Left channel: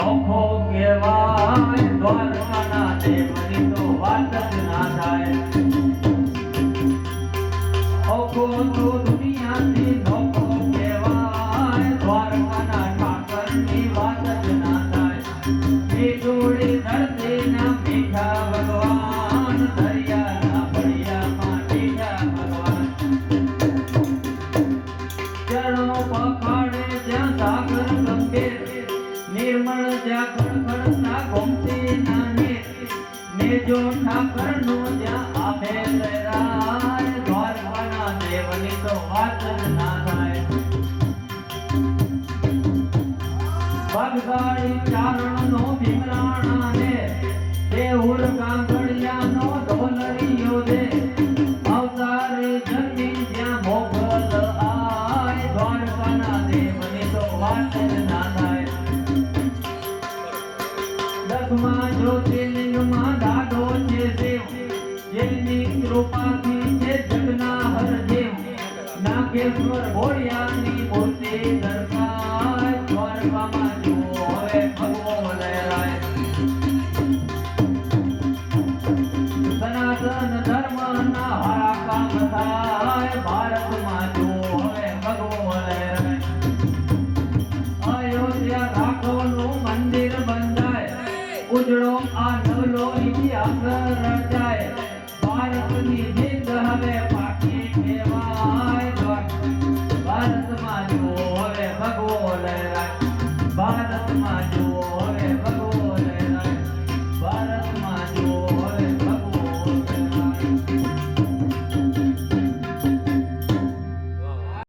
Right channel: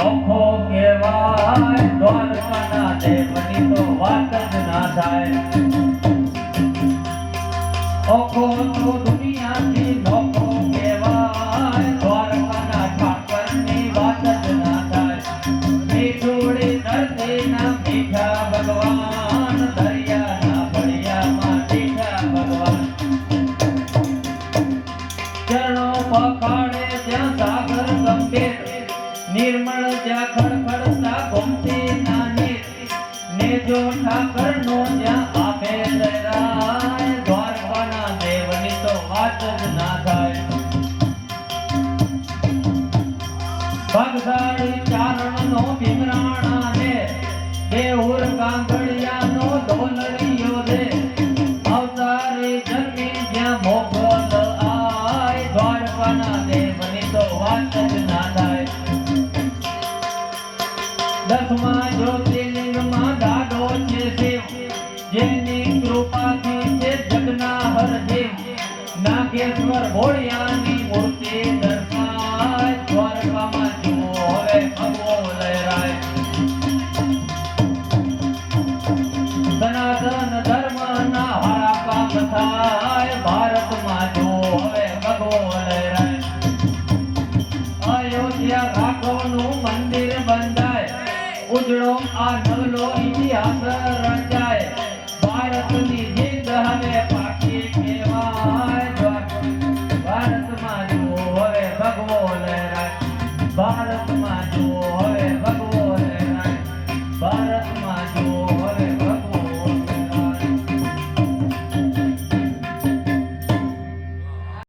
નોખો કહેવાય દ્વારકાના દેવની તો વાત જ ના થાય ઓખો તો દુનિયાથી નોખો કહેવાય દ્વારકાના ઠાકરની વાત જ ના થાય મીઠોડી ધરતીના મીઠા ભગવાન દરિયાના ફળિયામાં મીઠા ભગવાન ચરણો પખાડે ત્યાં સાગર ગંભીર નિર્મળ જ્યાં ખડખડતા ગોમતી નાની ને જો ઠાકરનો જ્યાં આમે જયરાય દ્વારકાના દેવની તો વાત જ ના થાય ભગદાડ